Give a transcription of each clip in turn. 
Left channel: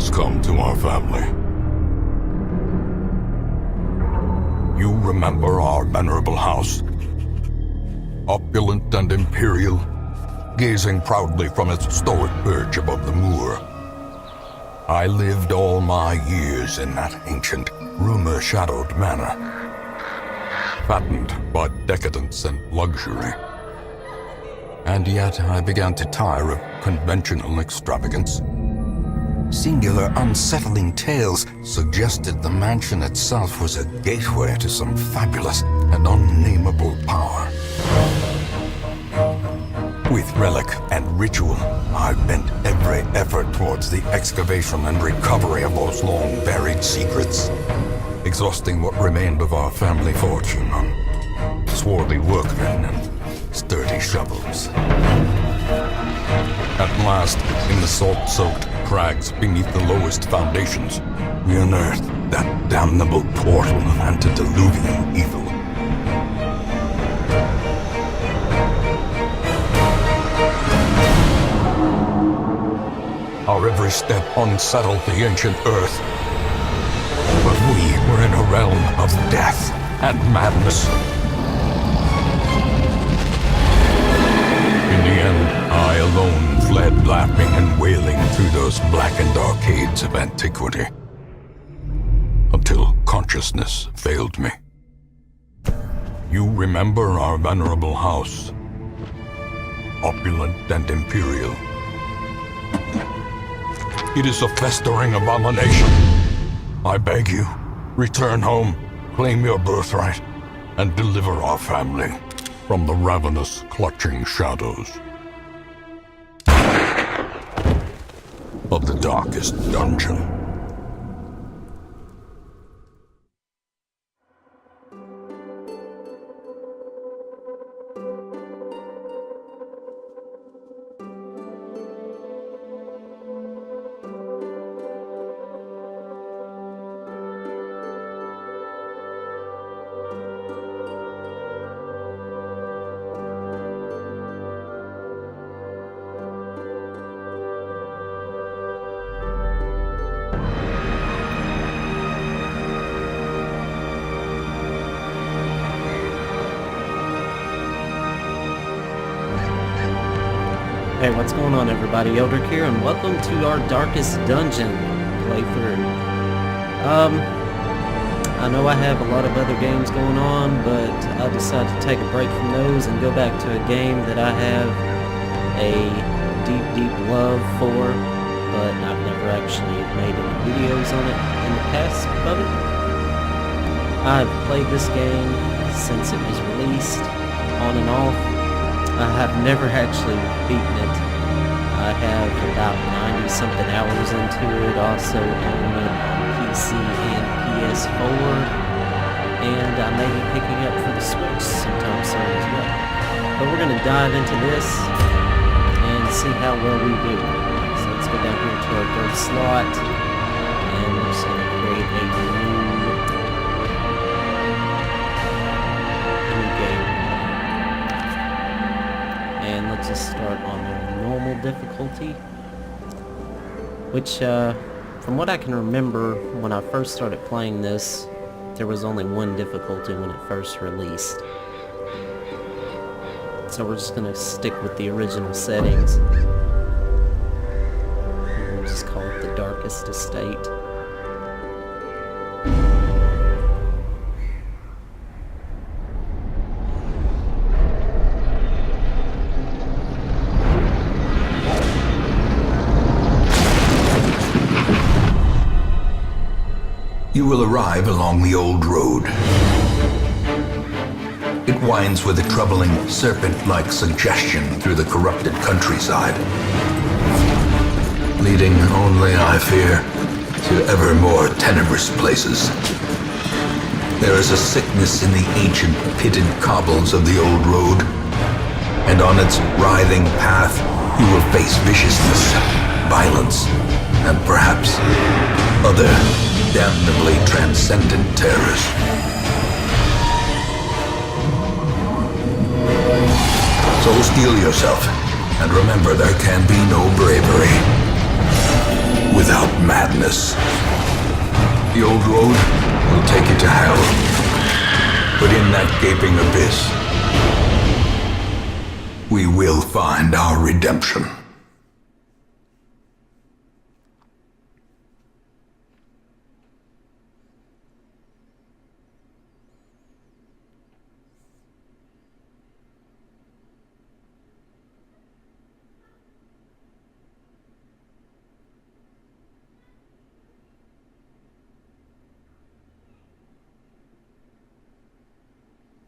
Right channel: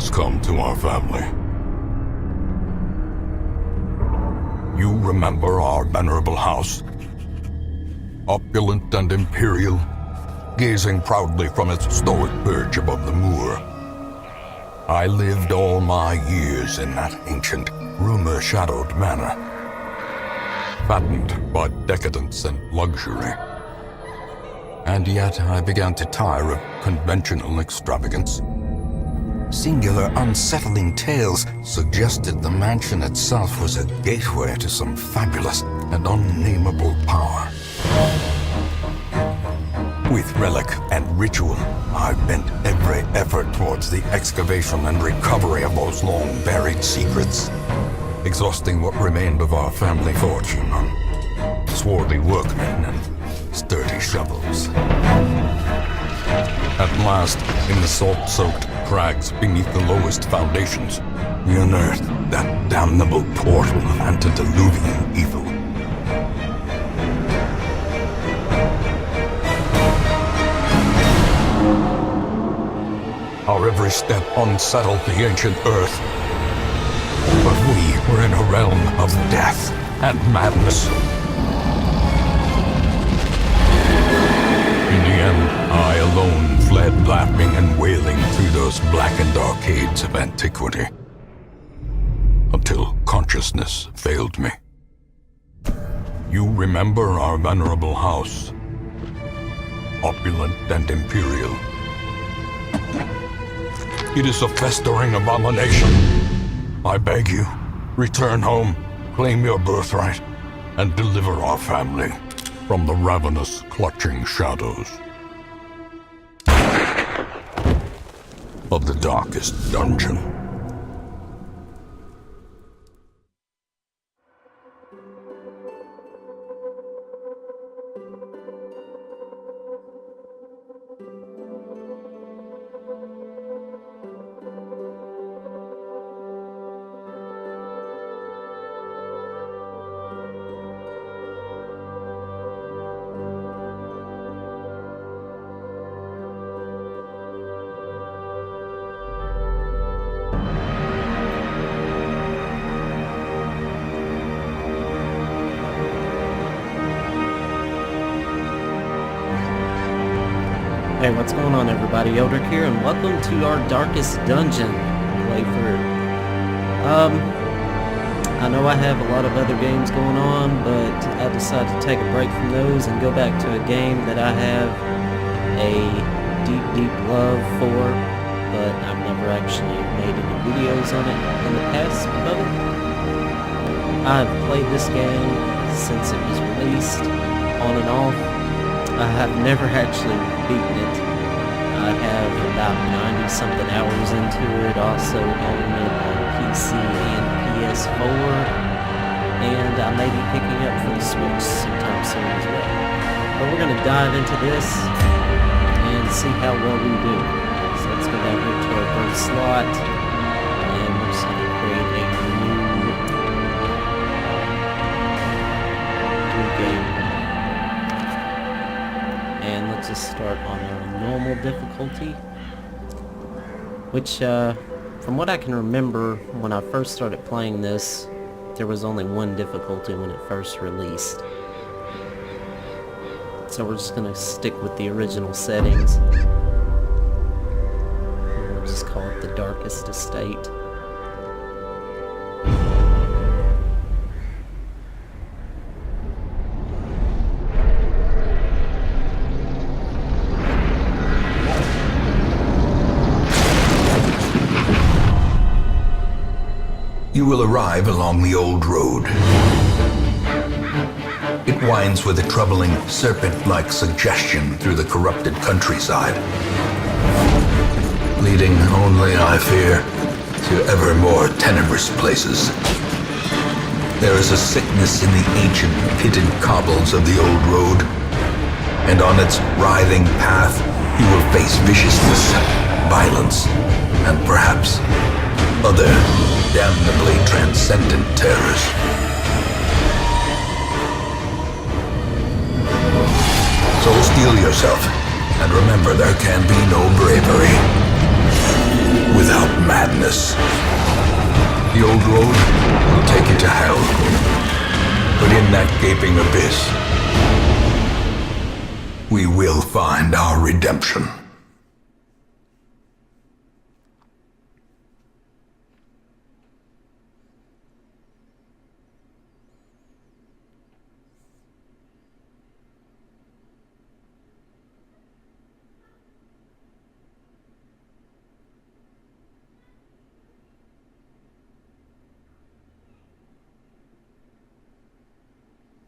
has come to our family. You remember our venerable house? Opulent and imperial, gazing proudly from its stoic perch above the moor. I lived all my years in that ancient, rumor-shadowed manor, fattened by decadence and luxury. And yet I began to tire of conventional extravagance. Singular, unsettling tales suggested the mansion itself was a gateway to some fabulous and unnameable power. With relic and ritual, I bent every effort towards the excavation and recovery of those long-buried secrets, exhausting what remained of our family fortune on swarthy workmen and sturdy shovels. At last, in the salt-soaked crags beneath the lowest foundations, we unearthed that damnable portal antediluvian evil. Our every step unsettled the ancient earth. But we were in a realm of death and madness. In the end, I alone fled laughing and wailing through those blackened arcades of antiquity, until consciousness failed me. You remember our venerable house, opulent and imperial. It is a festering abomination. I beg you, return home, claim your birthright, and deliver our family from the ravenous, clutching shadows of the darkest dungeon. Hey, what's going on everybody? Eldrick here, and welcome to our Darkest Dungeon playthrough. I know I have a lot of other games going on, but I decided to take a break from those and go back to a game that I have a deep, deep love for, but I've never actually made any videos on it in the past of it. I've played this game since it was released, on and off. I have never actually beaten it. I have about 90-something hours into it, also own it on PC and PS4, and I may be picking up for the Switch sometime soon as well. But we're going to dive into this and see how well we do. So let's go down here to our third slot, and we're just going to create a new game. And let's just start on our normal difficulty, which, from what I can remember, when I first started playing this, there was only one difficulty when it first released. So we're just going to stick with the original settings. And we'll just call it the Darkest Estate. You will arrive along the old road. It winds with a troubling, serpent-like suggestion through the corrupted countryside, leading only, I fear, to ever more tenebrous places. There is a sickness in the ancient, pitted cobbles of the old road, and on its writhing path you will face viciousness, violence, and perhaps other damnably transcendent terrors. So steel yourself, and remember there can be no bravery without madness. The old road will take you to hell, but in that gaping abyss, we will find our redemption.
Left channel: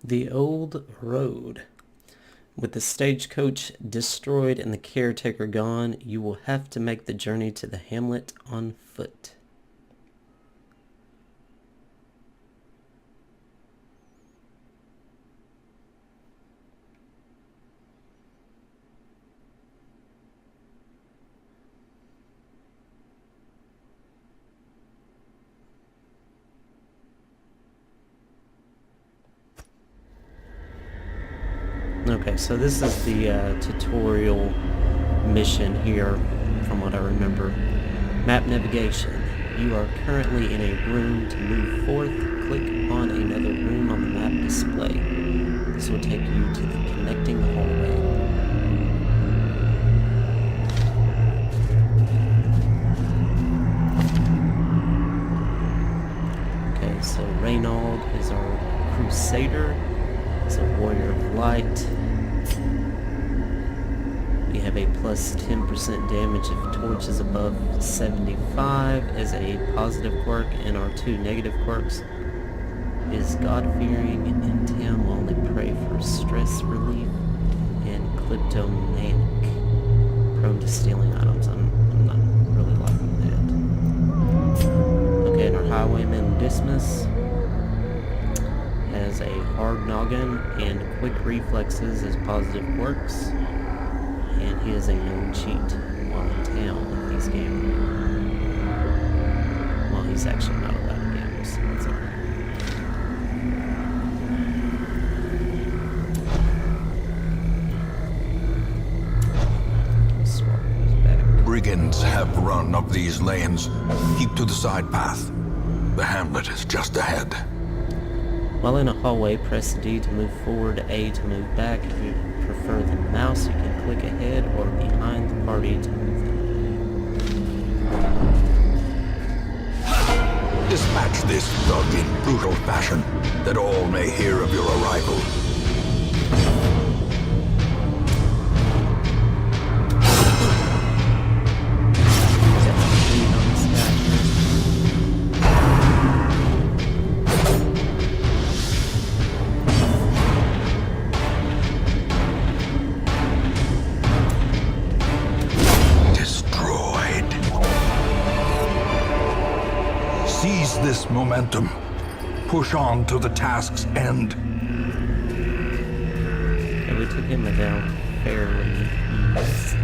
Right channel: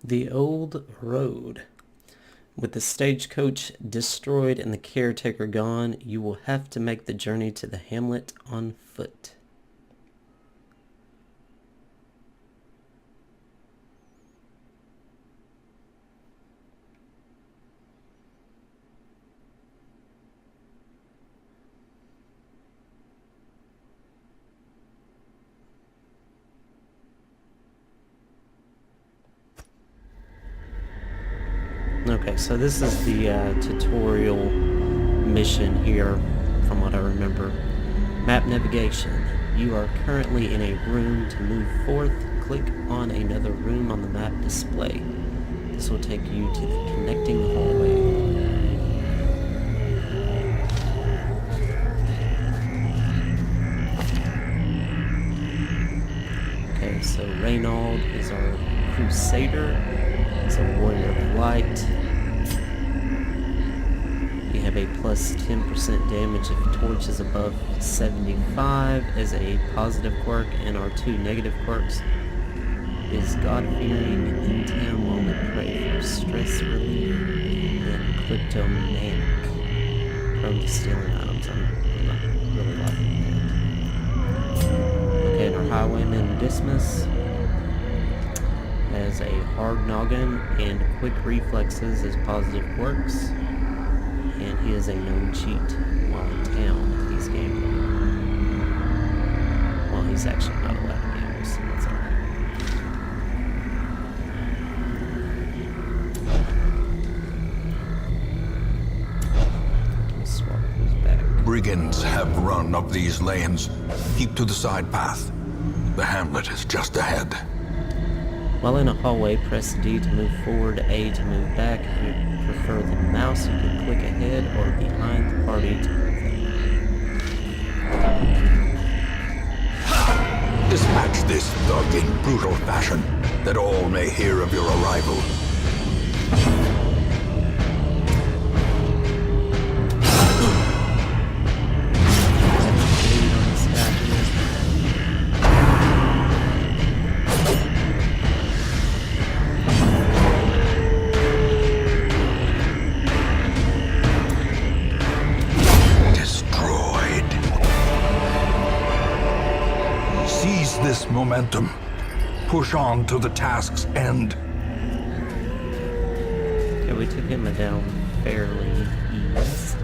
The old road. With the stagecoach destroyed and the caretaker gone, you will have to make the journey to the hamlet on foot. Okay, so this is the tutorial mission here, from what I remember. Map navigation. You are currently in a room. To move forth, click on another room on the map display. This will take you to the connecting hallway. Okay, so Reynold is our crusader. He's a warrior of light. We have a plus 10% damage if torch is above 75 as a positive quirk, and our two negative quirks is God-fearing, in town will only pray for stress relief, and kleptomaniac, prone to stealing items. I'm not really liking that. Okay, and our highwayman Dismas has a hard noggin and quick reflexes as positive quirks, and he is a known cheat while in town if he's gambling. Well, he's actually not allowed to gamble, so that's alright. Swap those back. Brigands have run up these lanes. Keep to the side path. The hamlet is just ahead. While in a hallway, press D to move forward, A to move back. If you prefer the mouse, you can click ahead or behind the party to move them. Dispatch this thug in brutal fashion, that all may hear of your arrival. Got my lead on this guy here. Seize this momentum. Push on to the task's end. Okay, we took him down fairly easy.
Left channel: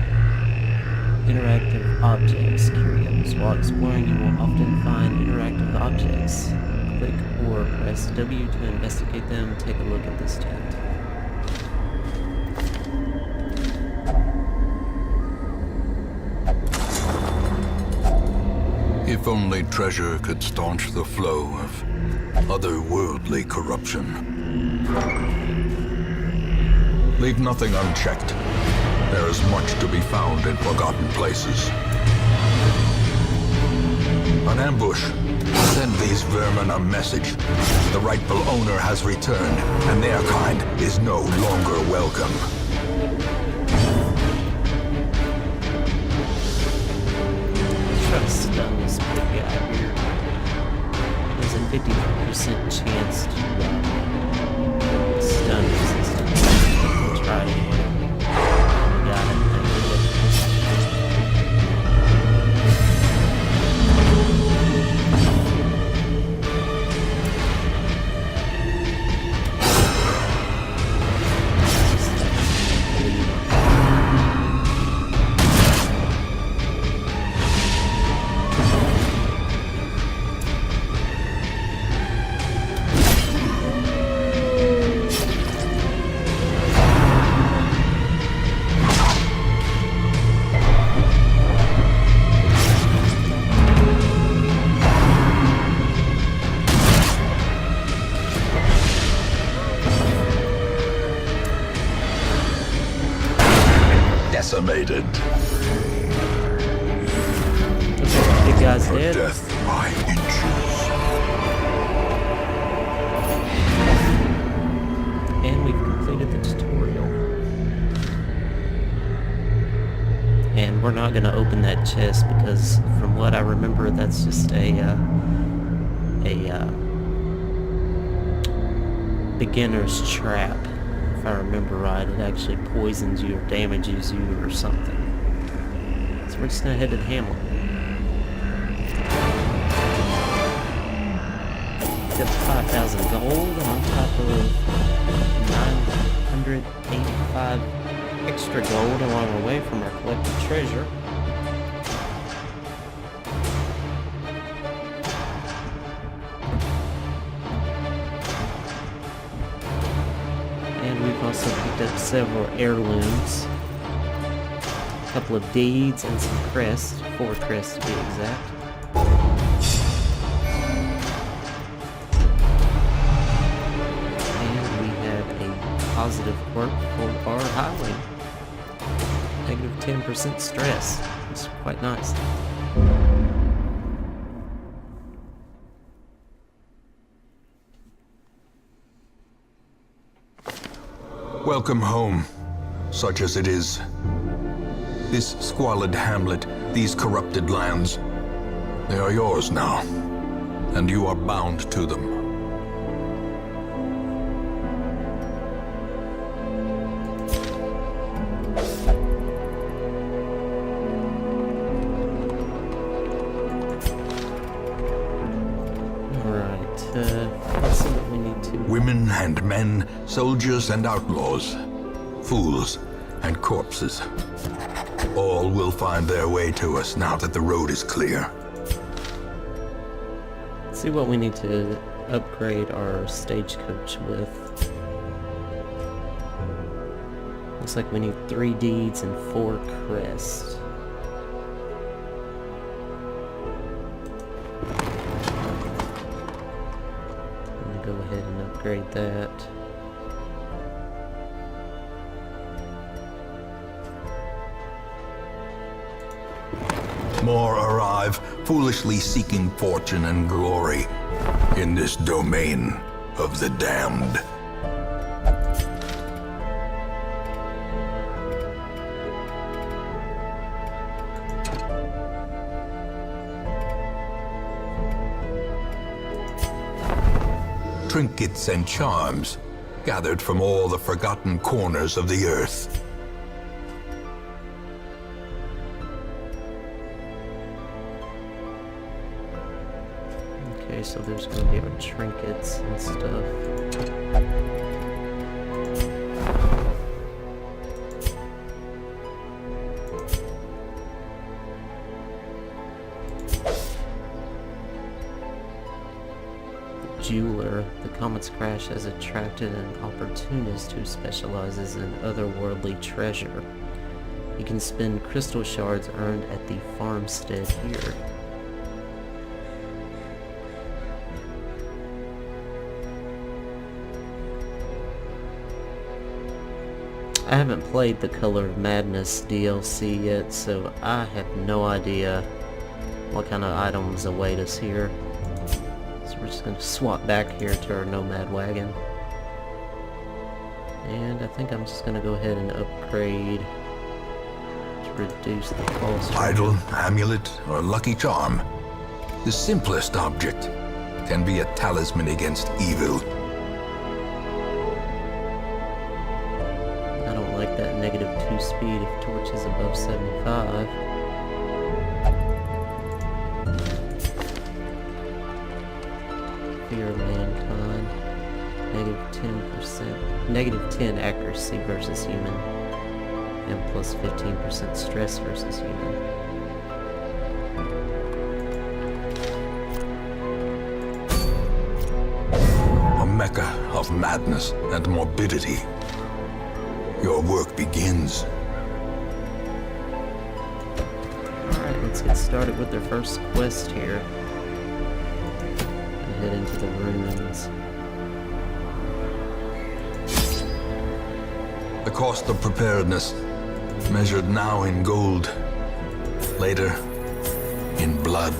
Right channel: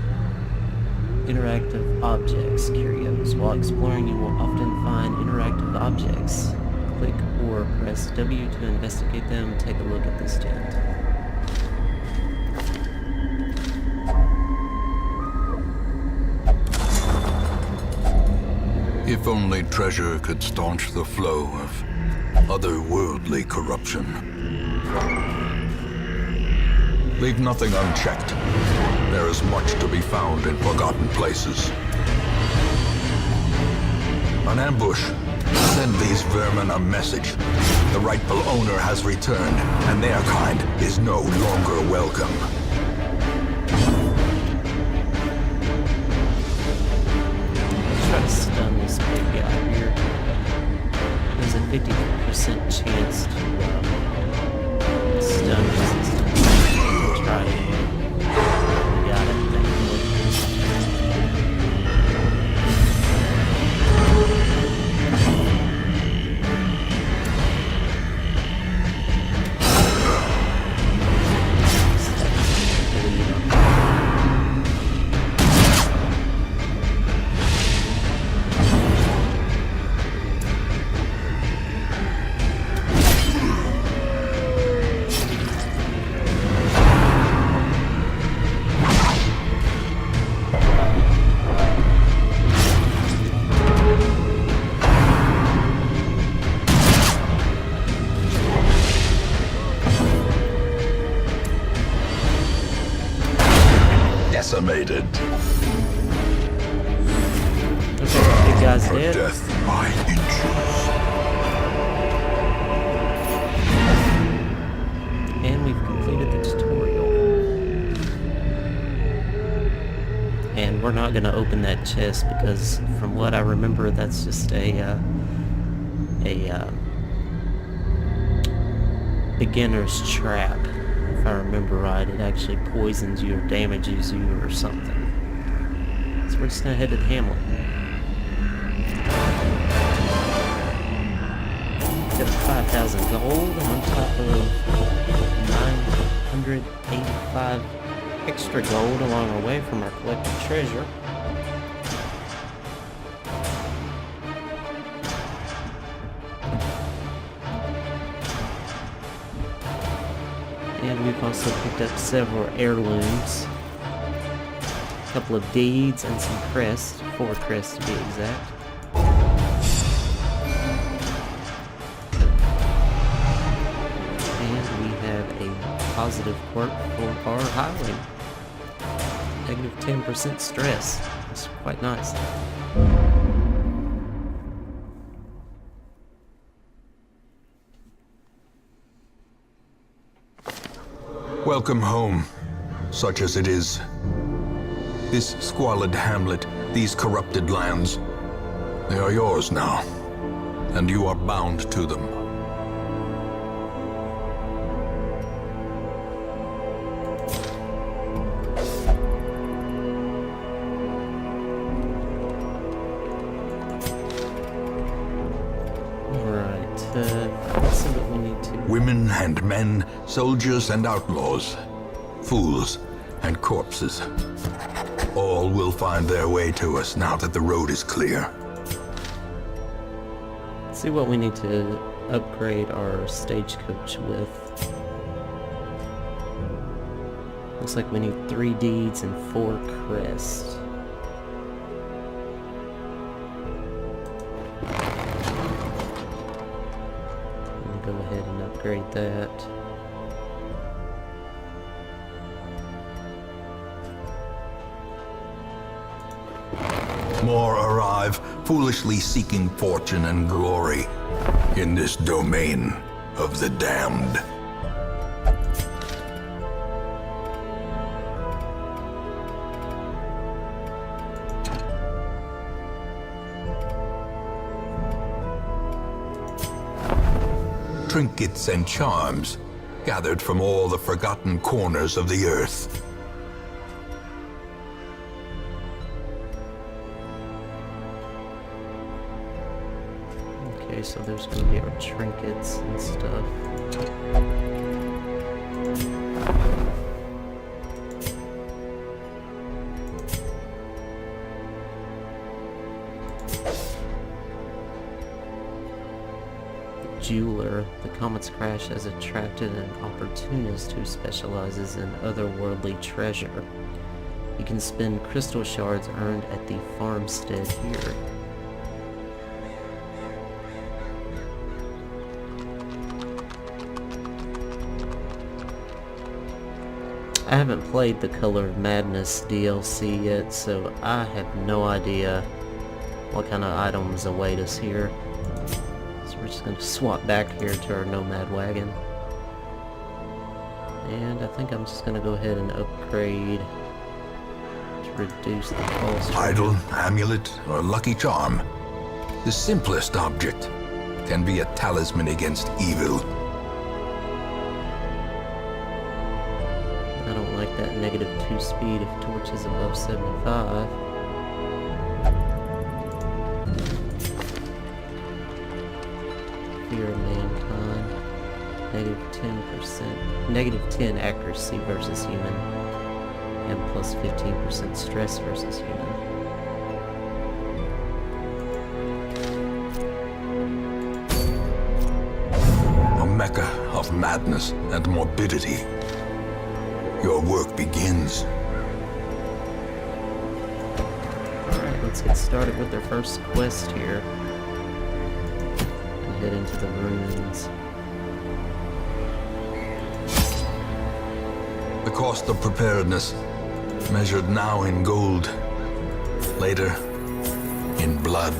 Interactive objects, curios. While exploring, you will often find interactive objects. Click or press W to investigate them. Take a look at this tent. If only treasure could staunch the flow of otherworldly corruption. Leave nothing unchecked. There is much to be found in forgotten places. An ambush. Send these vermin a message. The rightful owner has returned, and their kind is no longer welcome. Try to stun this big guy here. There's a 50% chance to stun resistance. We'll try it anyway. We got it, thankfully. Bleed on him. decimated. Looks like the big guy's For dead. death by inches. And we've completed the tutorial. And we're not going to open that chest because from what I remember, that's just a beginner's trap. If I remember right, it actually poisons you or damages you or something. So we're just going to head to the hamlet. Got 5,000 gold on top of 985 extra gold along our way from our collected treasure. And we've also picked up several heirlooms, a couple of deeds, and some crests, 4 crests to be exact. Positive quirk for our highway. Negative 10% stress. It's quite nice. Welcome home, such as it is. This squalid hamlet, these corrupted lands, they are yours now, and you are bound to them. Let's see what we need to. Women and men, soldiers and outlaws, fools and corpses. All will find their way to us now that the road is clear. Let's see what we need to upgrade our stagecoach with. Looks like we need 3 deeds and 4 crests. Go ahead and upgrade that. More arrive, foolishly seeking fortune and glory in this domain of the damned. Trinkets and charms, gathered from all the forgotten corners of the earth. Okay, so there's going to be our trinkets and stuff. Jeweler. The comet's crash has attracted an opportunist who specializes in otherworldly treasure. You can spend crystal shards earned at the farmstead here. I haven't played the Color of Madness DLC yet, so I have no idea what kind of items await us here. We're just going to swap back here to our nomad wagon. And I think I'm just going to go ahead and upgrade to reduce the cost. Idol, amulet, or lucky charm. The simplest object can be a talisman against evil. I don't like that -2 speed if torch is above 75. Fear of mankind. Negative 10 accuracy versus human. And plus 15% stress versus human. A mecca of madness and morbidity. Your work begins. Alright, let's get started with our first quest here. And head into the ruins. The cost of preparedness. measured now in gold, later in blood.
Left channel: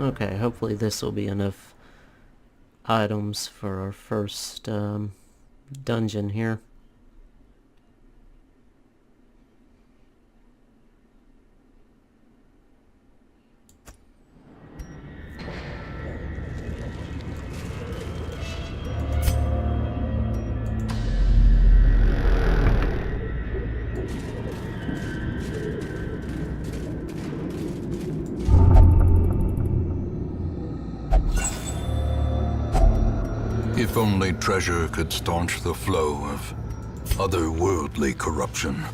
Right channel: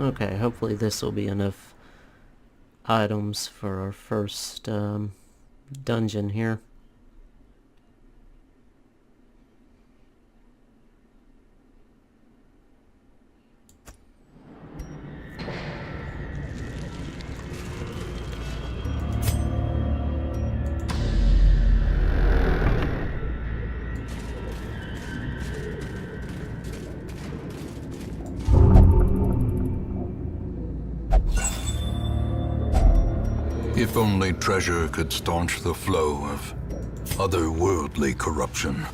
Okay, hopefully this will be enough items for our first dungeon here. If only treasure could staunch the flow of otherworldly corruption.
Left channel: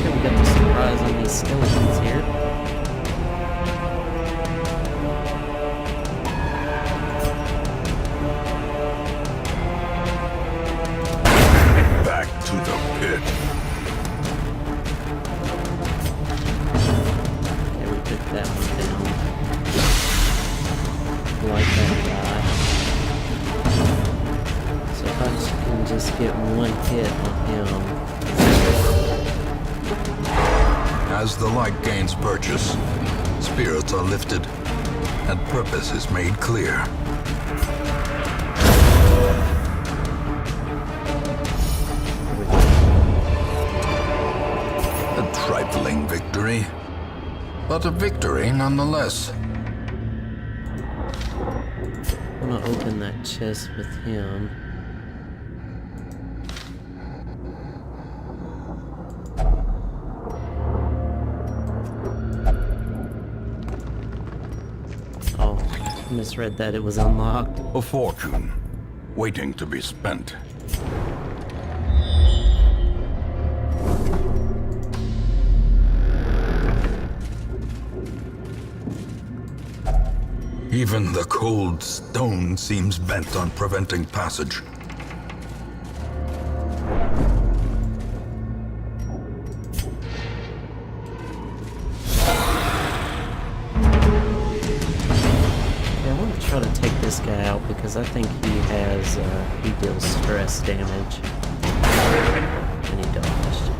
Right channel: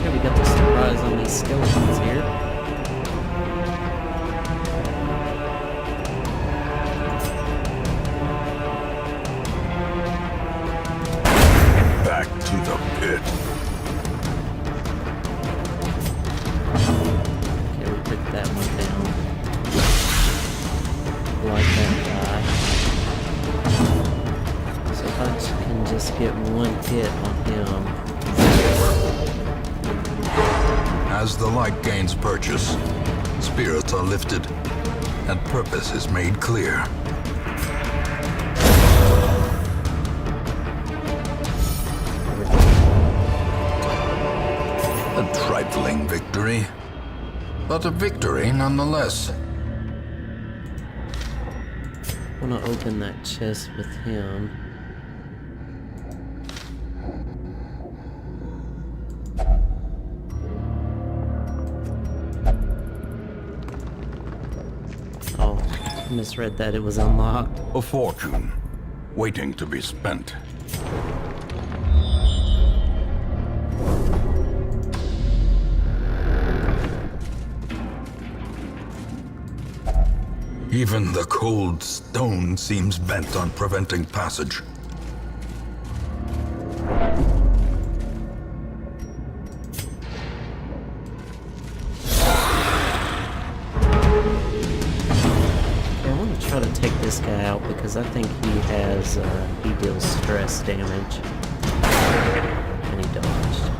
Okay, we got the surprise on these skeletons here. Back to the pit. Okay, we took that one down. Like that guy. So if I can just get one hit on him. As the light gains purchase, spirits are lifted, and purpose is made clear. A trifling victory, but a victory nonetheless. I want to open that chest with him. Oh, I misread that. It was unlocked. A fortune, waiting to be spent. Even the cold stone seems bent on preventing passage. Okay, I want to try to take this guy out because I think he has, he deals stress damage. And he dodged.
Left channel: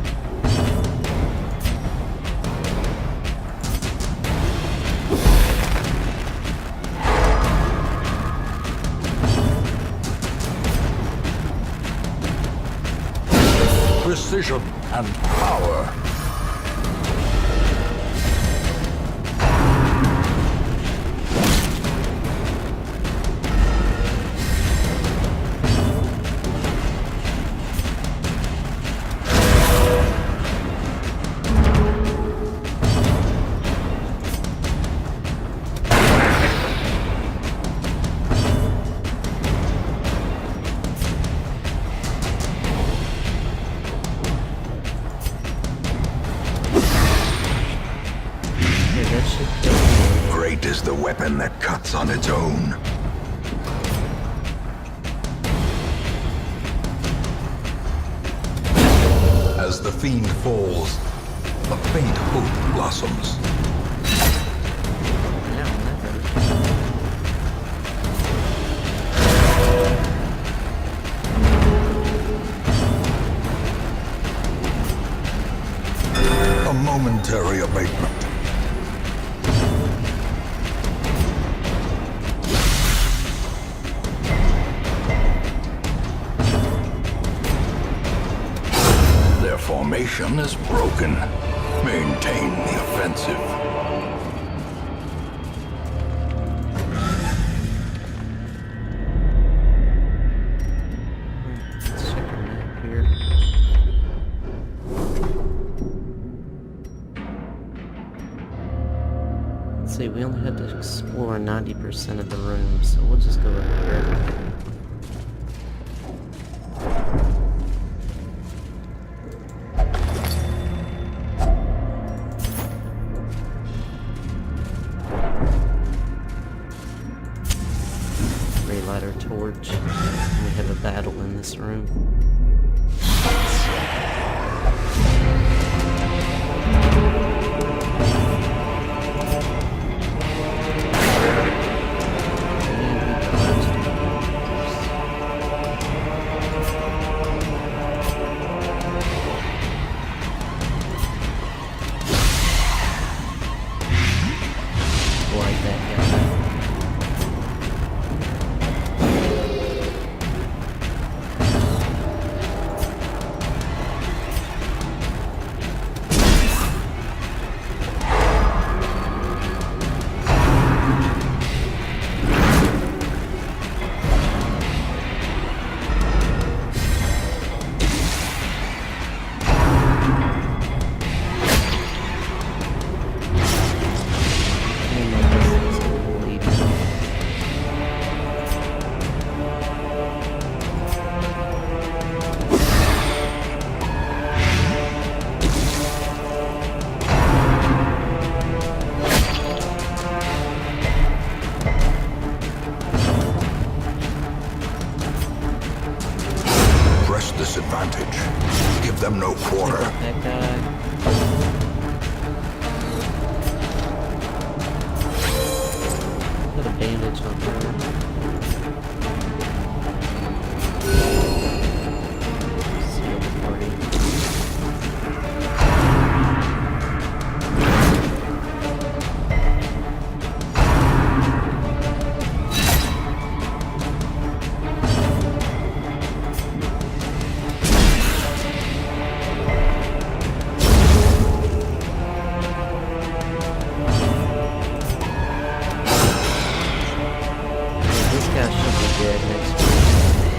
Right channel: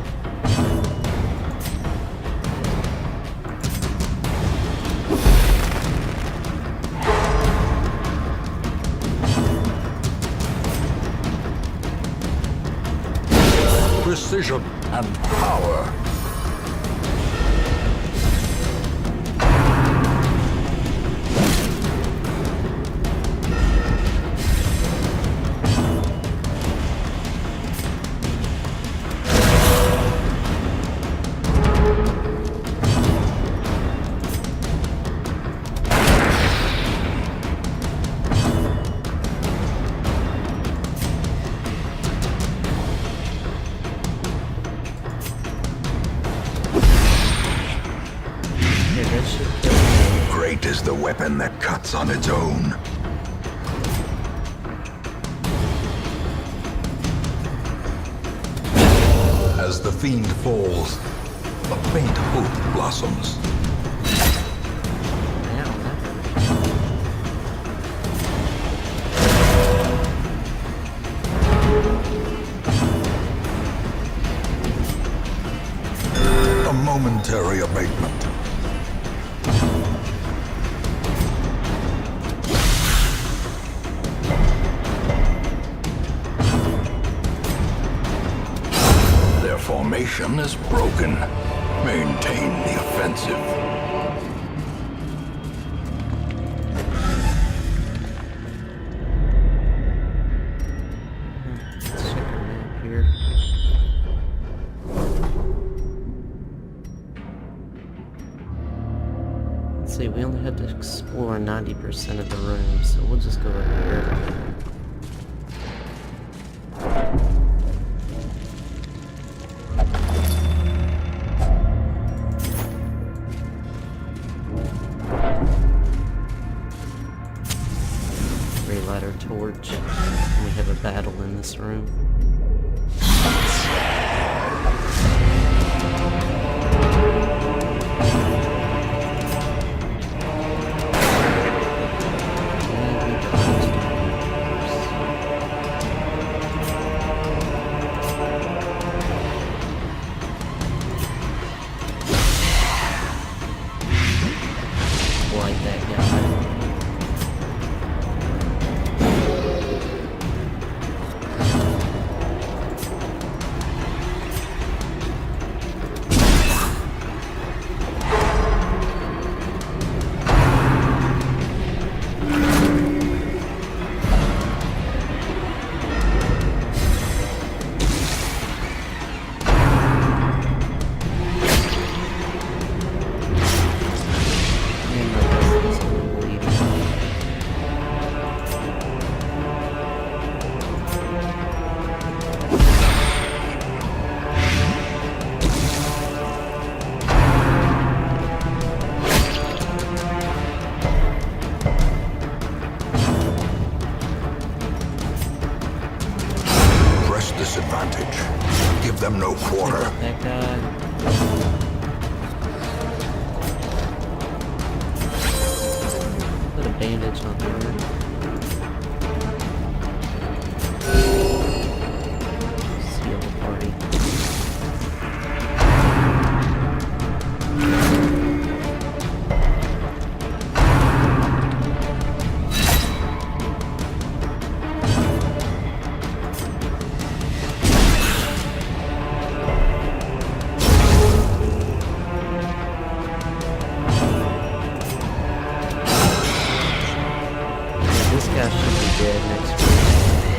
Precision and power. That should kill him. Great is the weapon that cuts on its own. As the fiend falls, a faint hope blossoms. Ow, that hurt. A momentary abatement. Their formation is broken. Maintain the offensive. Let's check our map here. see, we only had to explore 90% of the room, so we'll just go up here. Relight our torch, and we have a battle in this room. Like that guy. Disadvantage. Give them no quarter. That guy. Put a bandage on her. Seal the party.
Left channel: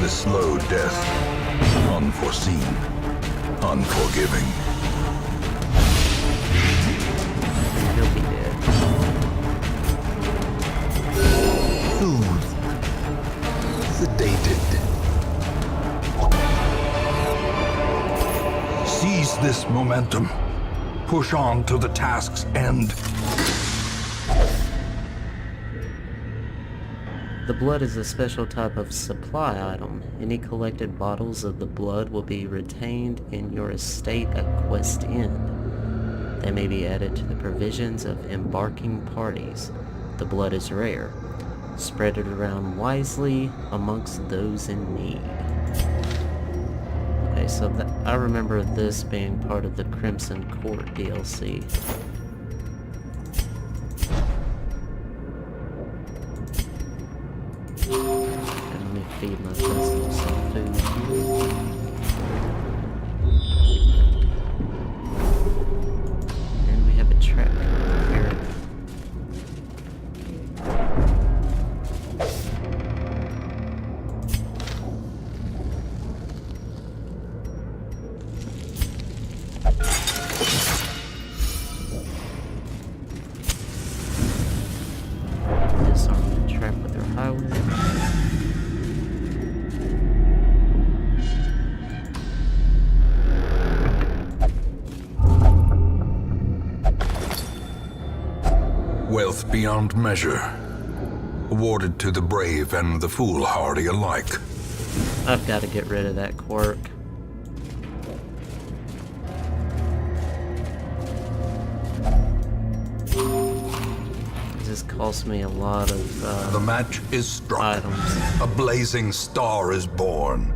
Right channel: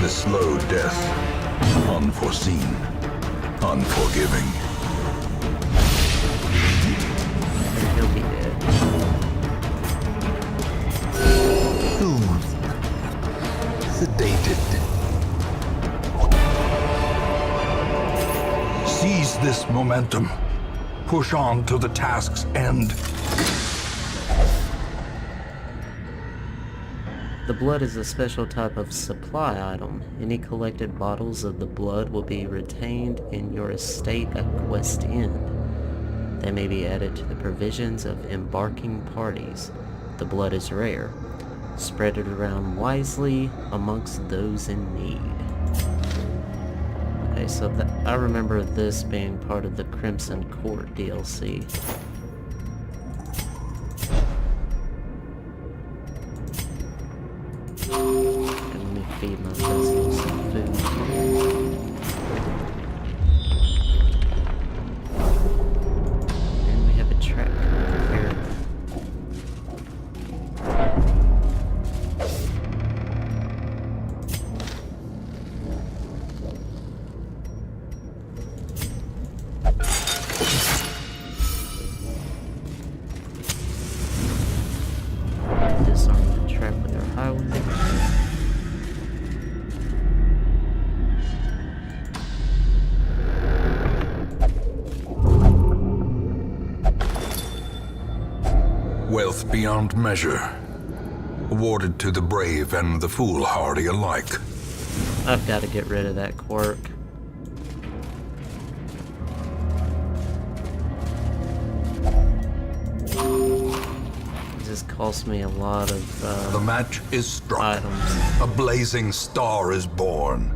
The slow death, unforeseen, unforgiving. He'll be dead. Soothed, sedated. Seize this momentum. Push on to the task's end. The blood is a special type of supply item. Any collected bottles of the blood will be retained in your estate at quest end. They may be added to the provisions of embarking parties. The blood is rare. Spread it around wisely amongst those in need. Okay, so I remember this being part of the Crimson Court DLC. Feed my vessel some food here. And we have a trap here. Disarm the trap with our highway. Wealth beyond measure, awarded to the brave and the foolhardy alike. I've got to get rid of that quirk. It just cost me a lot of the match is struck. Items. A blazing star is born.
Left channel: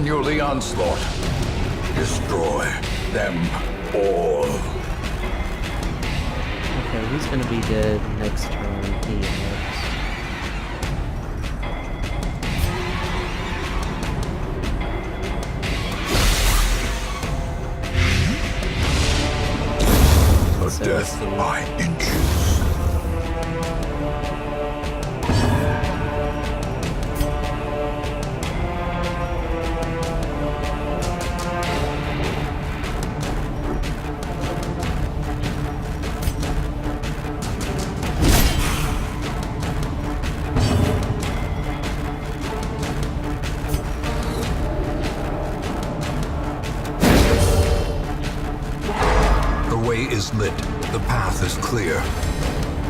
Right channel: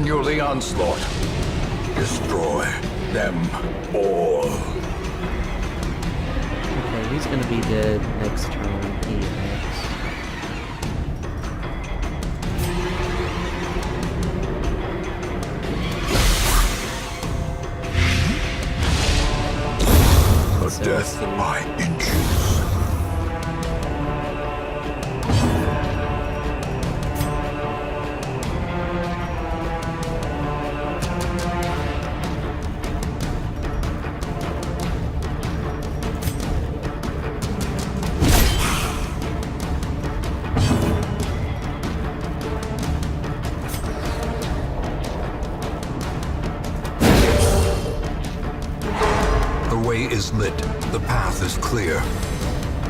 continue the onslaught. Destroy them all. Okay, he's gonna be dead next turn. He is. A death by inches. The way is lit. The path is clear.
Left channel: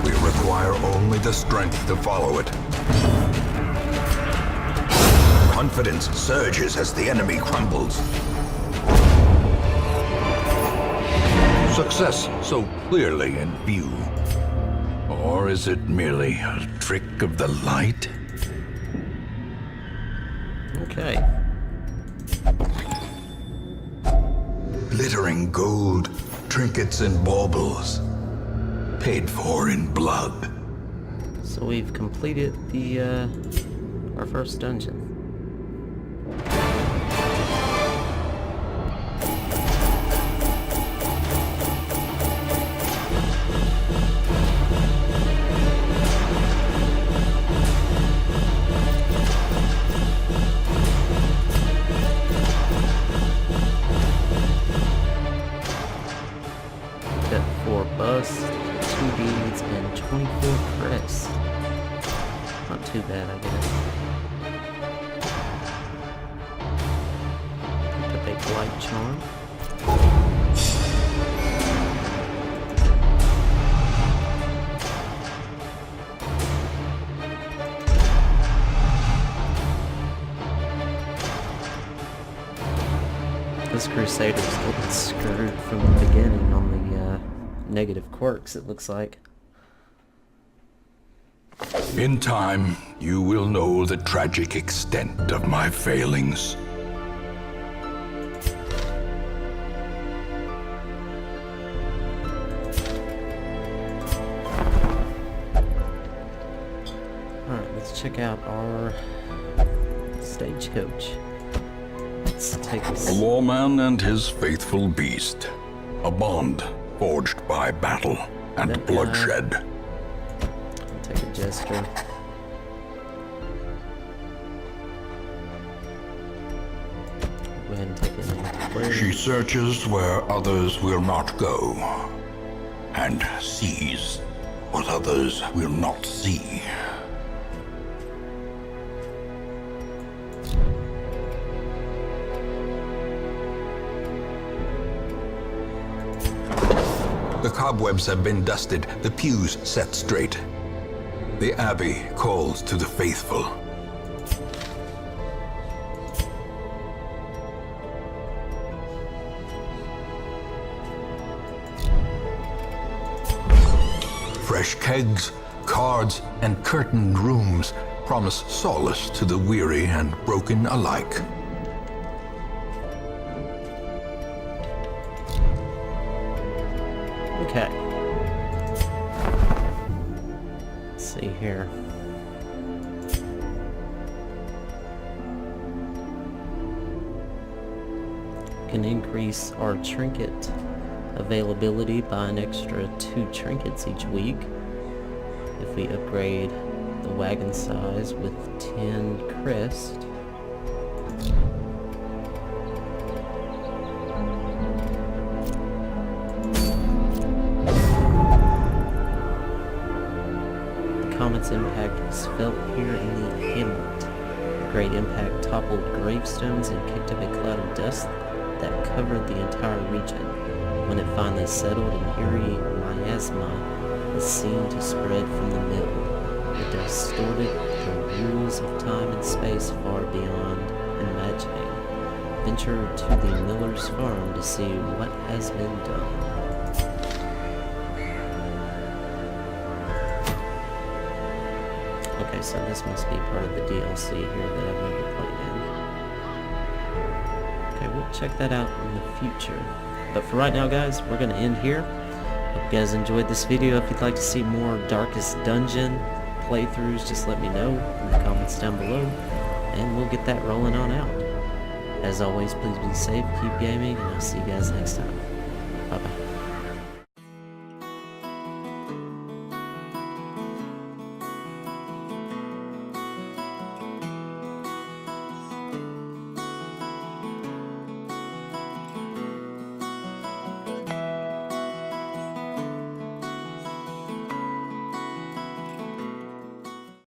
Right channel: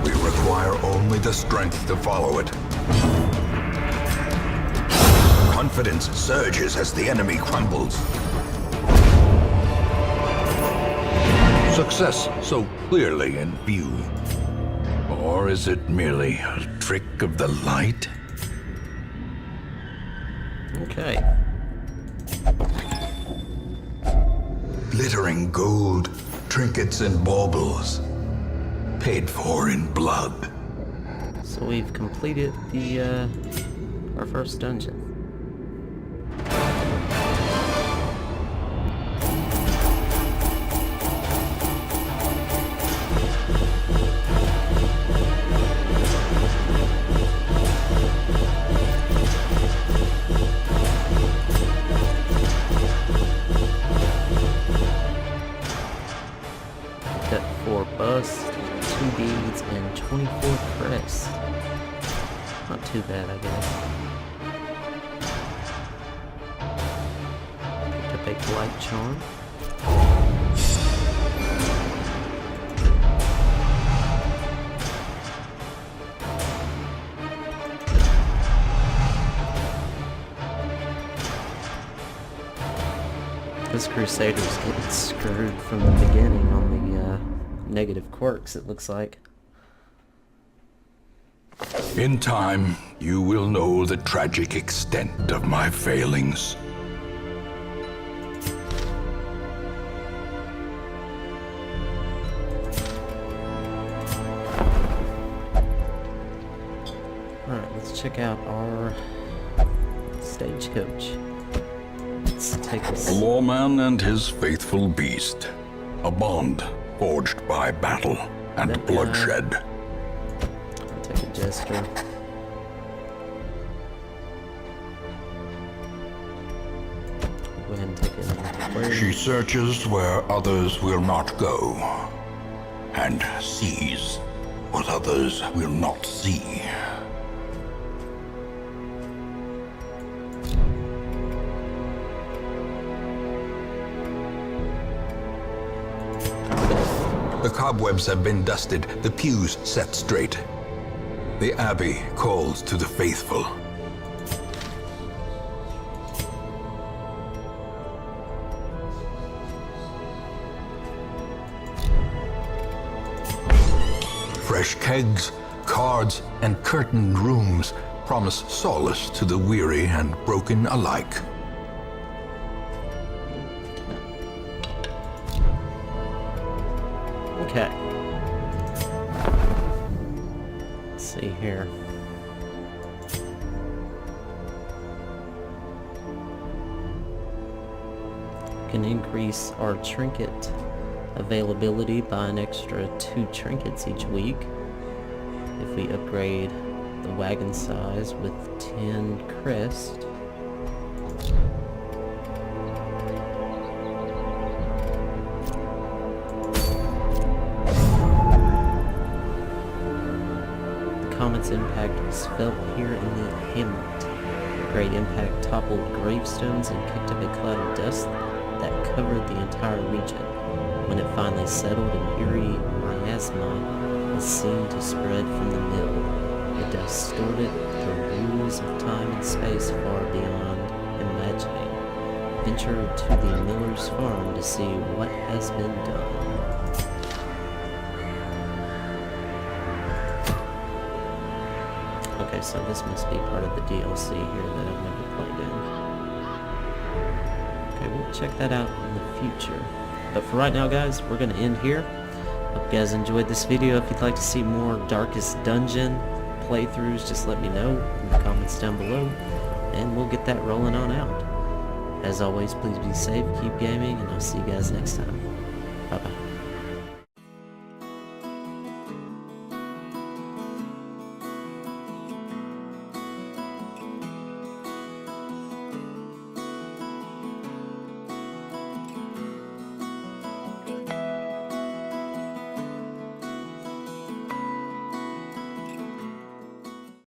We require only the strength to follow it. Confidence surges as the enemy crumbles. Success so clearly in view. Or is it merely a trick of the light? Okay. Glittering gold, trinkets and baubles, paid for in blood. So we've completed the our first dungeon. Got 4 busts, 2 beads, and 24 crests. Not too bad, I guess. Picked up a blight charm. This Crusader's getting screwed from the beginning on the negative quirks, it looks like. In time, you will know the tragic extent of my failings. Alright, let's check out our stagecoach. Let's take A this. lawman and his faithful beast. A bond forged by battle and That guy. bloodshed. I'll take a jester. Go ahead and take it into She searches where others will not go, and sees what others will not see. The cobwebs have been dusted, the pews set straight. The abbey calls to the faithful. Fresh kegs, cards, and curtained rooms promise solace to the weary and broken alike. Okay. Let's see here. Can increase our trinket availability by an extra 2 trinkets each week if we upgrade the wagon size with 10 crest. Comet's impact was felt here in the hamlet. The great impact toppled gravestones and kicked up a cloud of dust that covered the entire region. When it finally settled, an eerie miasma was seen to spread from the mill. The dust distorted the rules of time and space far beyond imagining. Venture to the miller's farm to see what has been done. Okay, so this must be part of the DLC here that I've never played in. check that out in the future. But for right now, guys, we're going to end here. Hope you guys enjoyed this video. If you'd like to see more Darkest Dungeon playthroughs, just let me know in the comments down below, and we'll get that rolling on out. As always, please be safe, keep gaming, and I'll see you guys next time. Bye-bye.